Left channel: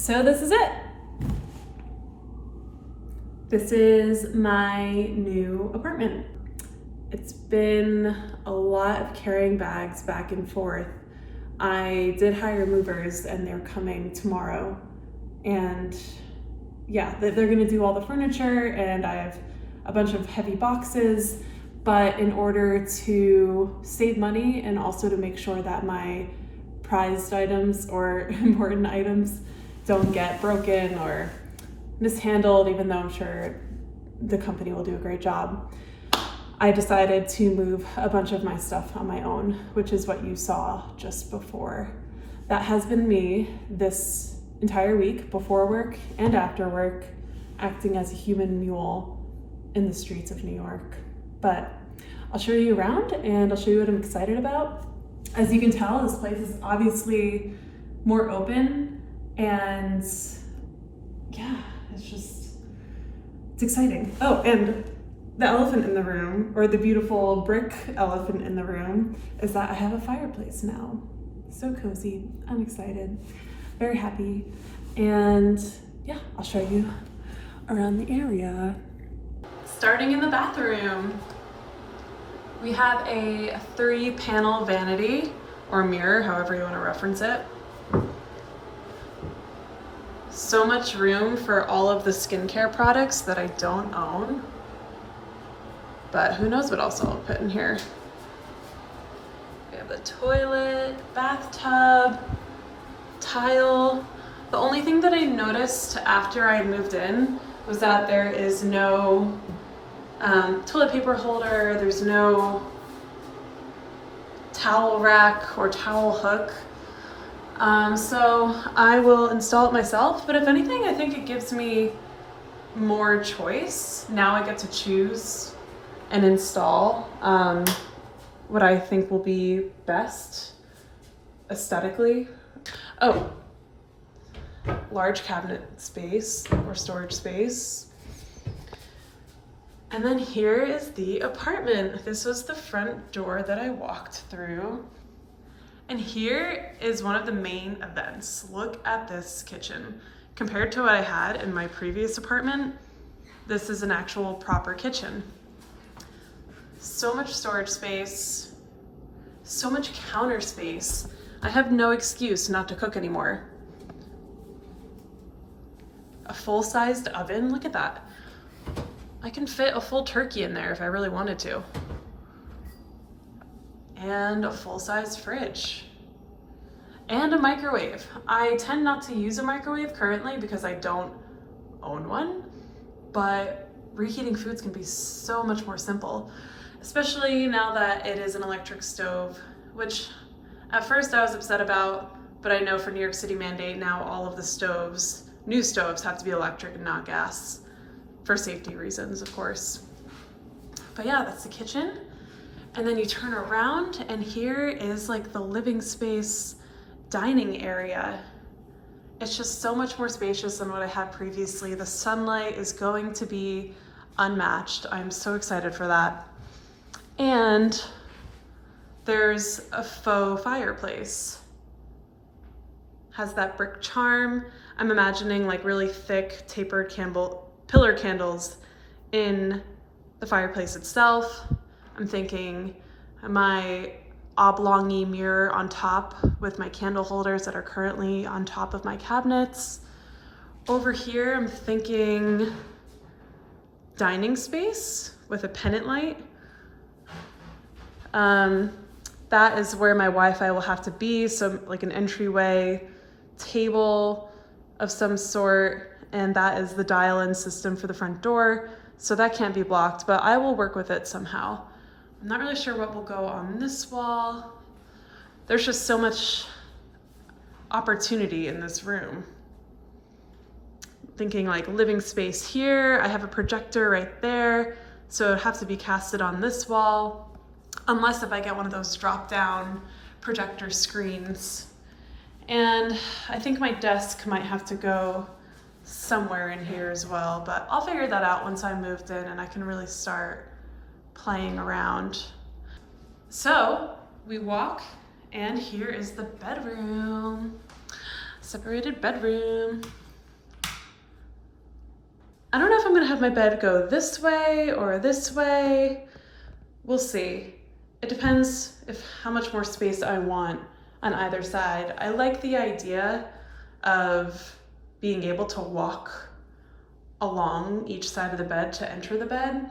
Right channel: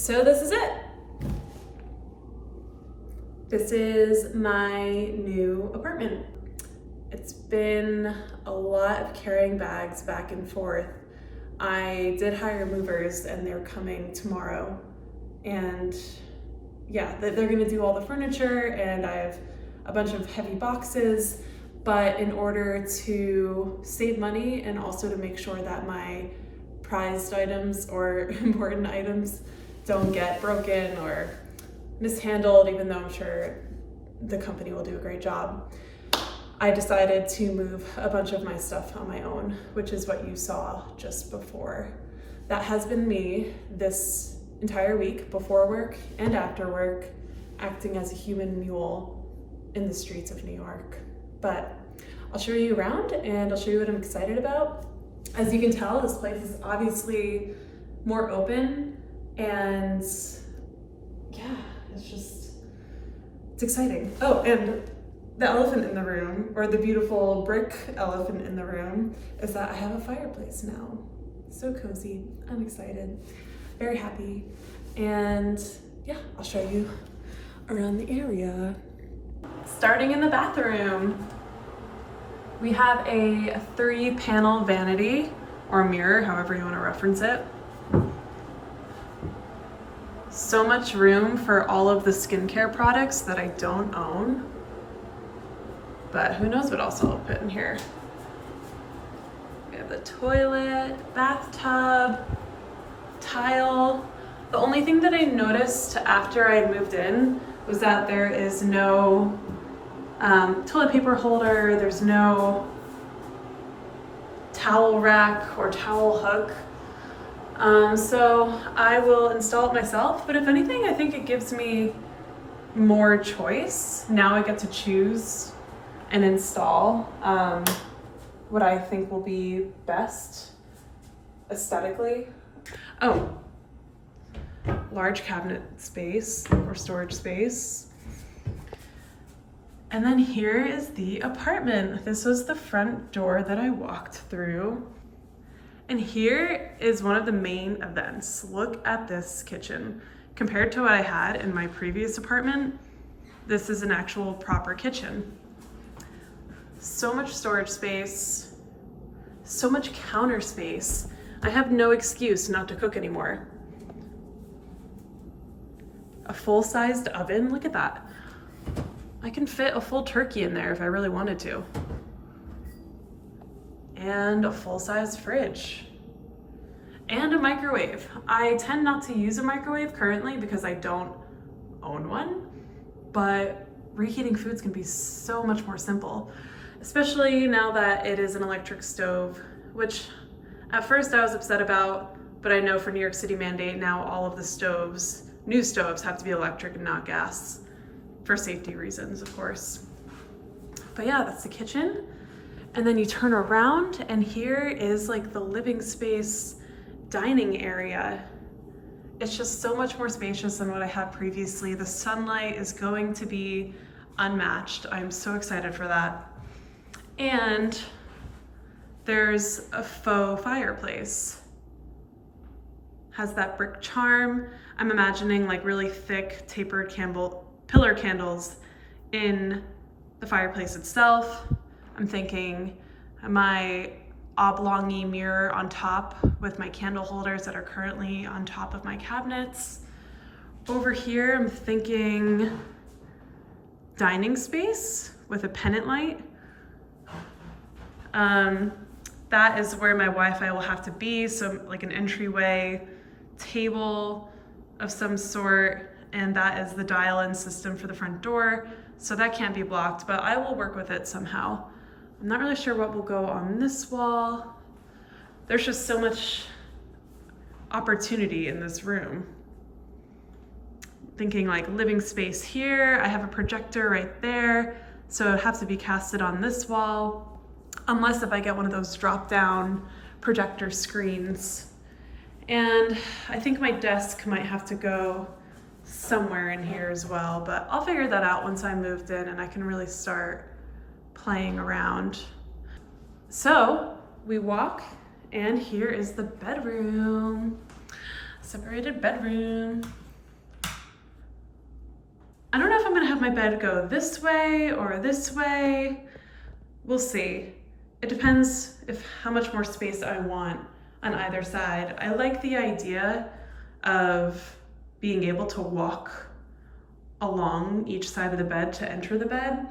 So this is it. This is my new apartment. It's been a lot of carrying bags back and forth. I did hire movers and they're coming tomorrow. And yeah, they're gonna do all the furniture, and I have a bunch of heavy boxes. But in order to save money and also to make sure that my prized items or important items don't get broken or mishandled, even though I'm sure the company will do a great job, I decided to move a bunch of my stuff on my own, which is what you saw just before. That has been me this entire week, before work and after work, acting as a human mule in the streets of New York. But I'll show you around and I'll show you what I'm excited about. As you can tell, this place is obviously more open, and yeah, it's exciting. Oh, and the elephant in the room, or the beautiful brick elephant in the room, is that I have a fireplace now. So cozy, I'm excited, very happy. And yeah, I'll show you around the area. Starting in the bathroom, we have a 3-panel vanity or mirror, however you want to reference it. So much room for all of the skincare products that I don't own, but who knows what else I'll put in here. We have the toilet, bathtub, tile. The only thing that I noticed after I moved in was that there is no toilet paper holder, there's no towel rack or towel hook. So I will install it myself, but if anything, I think it gives me more choice. Now I get to choose and install what I think will be best aesthetically. Oh, large cabinet space or storage space. And then here is the apartment. This was the front door that I walked through. And here is one of the main events. Look at this kitchen. Compared to what I had in my previous apartment, this is an actual proper kitchen. So much storage space, so much counter space. I have no excuse not to cook anymore. A full-sized oven, look at that. I can fit a full turkey in there if I really wanted to. And a full-size fridge. And a microwave. I tend not to use a microwave currently because I don't own one, but reheating foods can be so much more simple, especially now that it is an electric stove, which at first I was upset about, but I know for New York City mandate now all of the stoves, new stoves, have to be electric and not gas. For safety reasons, of course. But yeah, that's the kitchen. And then you turn around and here is like the living space, dining area. It's just so much more spacious than what I had previously. The sunlight is going to be unmatched. I'm so excited for that. And there's a faux fireplace. Has that brick charm. I'm imagining like really thick tapered pillar candles in the fireplace itself. I'm thinking my oblong-y mirror on top with my candle holders that are currently on top of my cabinets. Over here, I'm thinking dining space with a pennant light. That is where my Wi-Fi will have to be, so like an entryway table of some sort. And that is the dial-in system for the front door. So that can't be blocked, but I will work with it somehow. I'm not really sure what will go on this wall. There's just so much opportunity in this room. Thinking like living space here. I have a projector right there, so it would have to be casted on this wall, unless if I get one of those drop-down projector screens. And I think my desk might have to go somewhere in here as well, but I'll figure that out once I moved in and I can really start playing around. So we walk, and here is the bedroom. separated bedroom. I don't know if I'm gonna have my bed go this way or this way. We'll see. It depends how much more space I want on either side. I like the idea of being able to walk along each side of the bed to enter the bed.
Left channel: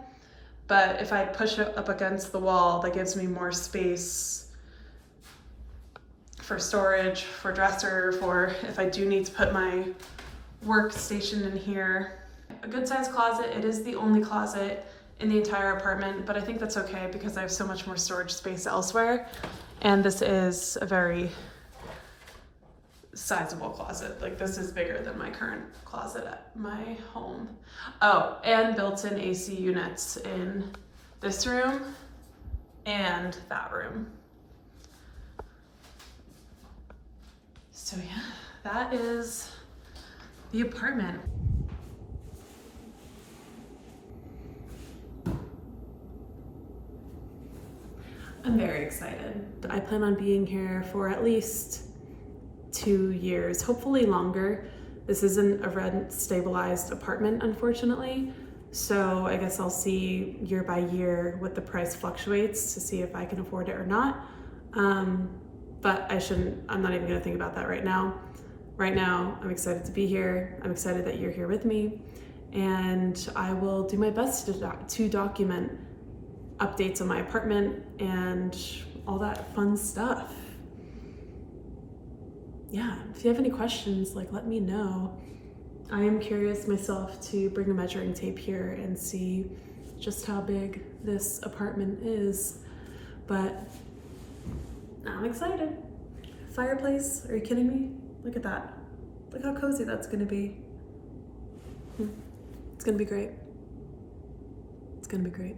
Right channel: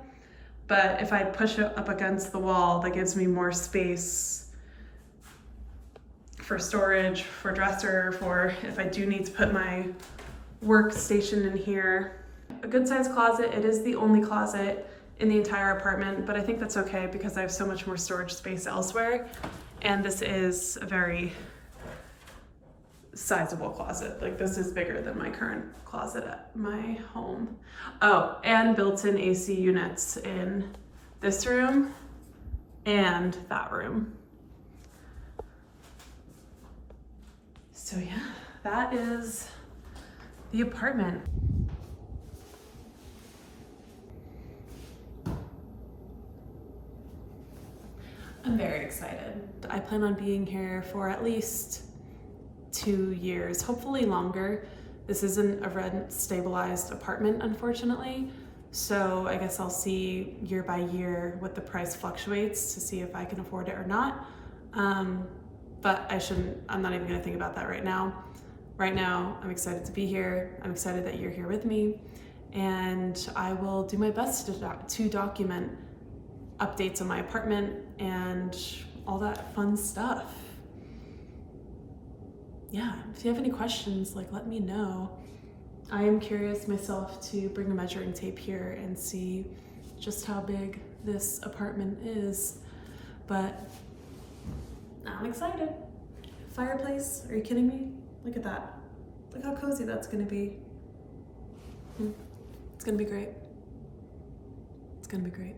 But if I push it up against the wall, that gives me more space for storage, for dresser, for if I do need to put my workstation in here. A good sized closet. It is the only closet in the entire apartment, but I think that's okay because I have so much more storage space elsewhere. And this is a very sizable closet. Like, this is bigger than my current closet at my home. Oh, and built-in AC units in this room and that room. So yeah, that is the apartment. I'm very excited. I plan on being here for at least 2 years, hopefully longer. This isn't a rent stabilized apartment, unfortunately. So I guess I'll see year by year what the price fluctuates to see if I can afford it or not. But I'm not even gonna think about that right now. Right now, I'm excited to be here. I'm excited that you're here with me. And I will do my best to document updates on my apartment and all that fun stuff. Yeah, if you have any questions, like, let me know. I am curious myself to bring a measuring tape here and see just how big this apartment is, but I'm excited. Fireplace, are you kidding me? Look at that. Look how cozy that's gonna be. It's gonna be great. It's gonna be great.